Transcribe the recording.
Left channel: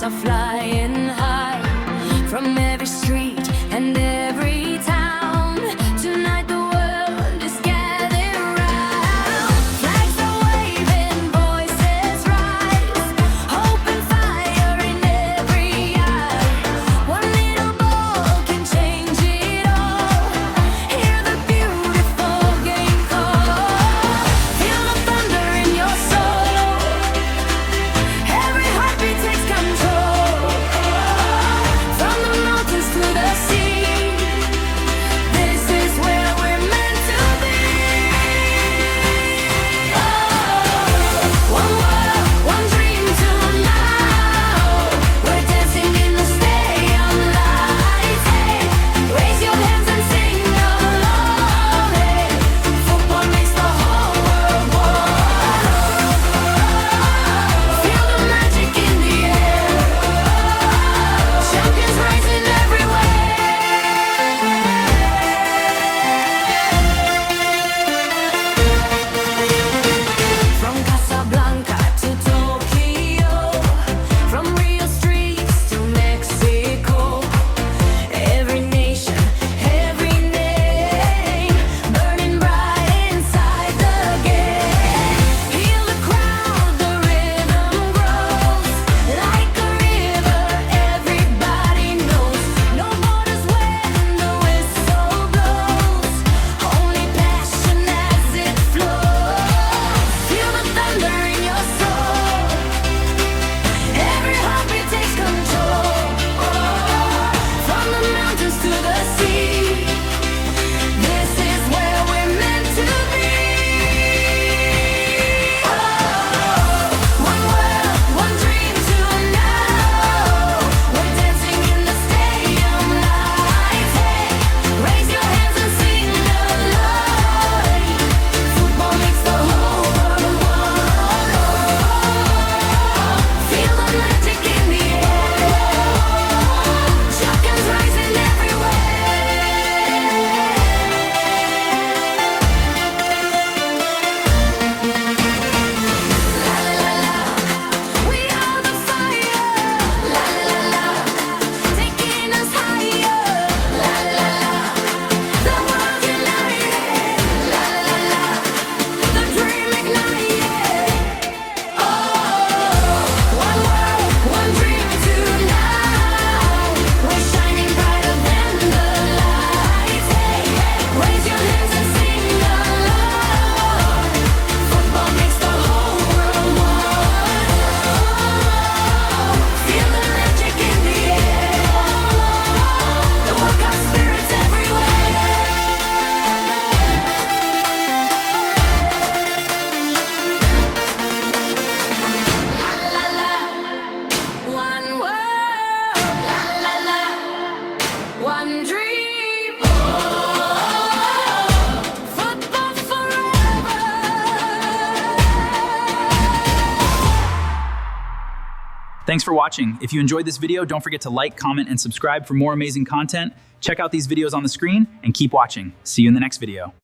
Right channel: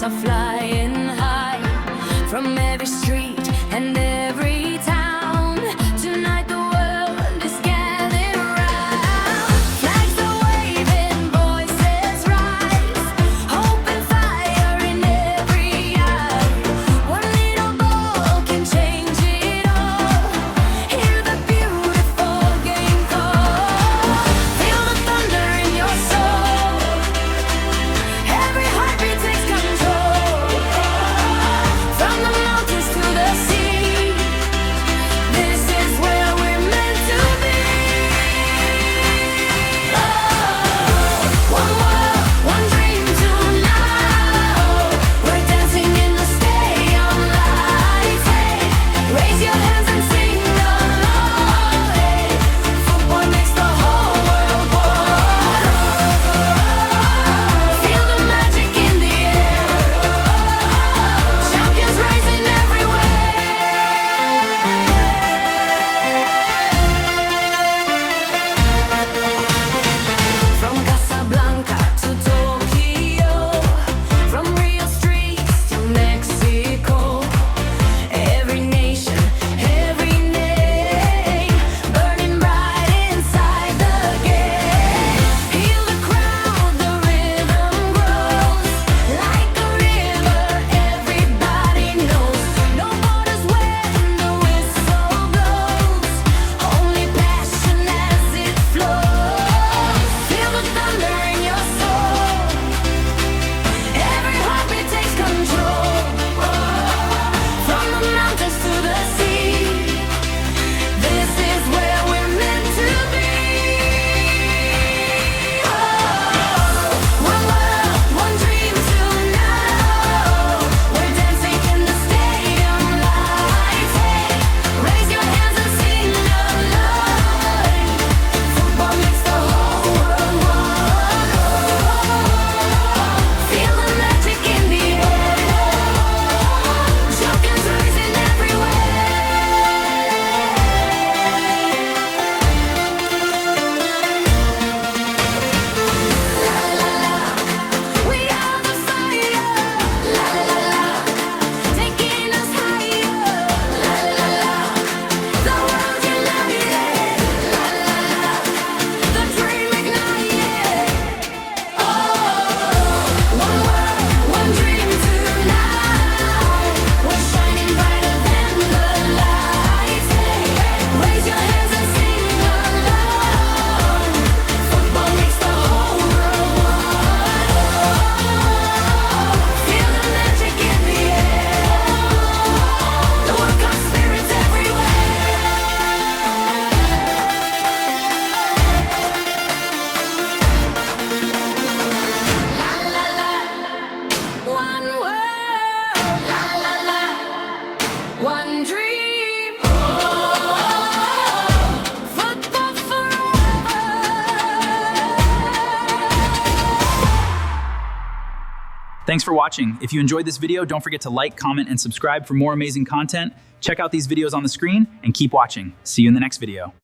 hearts are flying high from every street and every town. Tonight the world is gathered round. Flags are waving, voices rise, hope and fire in every eye. One little ball can change it all. Hear the beautiful game call. Feel the thunder in your soul. Every heartbeat takes control. From the mountains to the sea, this is where we're meant to be. Oh, one world, one dream tonight. We're dancing in the stadium lights. Hey, raise your hands and sing along. Hey, football makes the whole world one. Feel the magic in the air. Champions rising everywhere. From Casablanca to Tokyo, from Rio streets to Mexico, every nation, every name, burning bright inside the game. Heal the crowd, the rhythm grows like a river. Everybody knows no borders when the whistle blows. Only passion as it flows. Feel the thunder in your soul. Every heartbeat takes control. From the mountains to the sea, this is where we're meant to be. Oh, one world, one dream tonight. We're dancing in the stadium lights. Hey, raise your hands and sing along. Football makes the whole world one. Feel the magic in the air. Champions rising everywhere. La la la, we are the fire. La la la, taking us higher. La la la, the world united. La la la, the dream ignited. Oh, one world, one dream tonight. We're shining brighter than the lights. Hey, raise your hands and sing along. Football makes the whole world one. Feel the magic in the air. The workout spirit's everywhere. La la la, one world. La la la, one dream. Football forever. Thanks for watching. If you enjoyed this video, don't forget to like, comment, and subscribe for more amazing content. Check out these videos on the screen and keep watching. See you in the next video.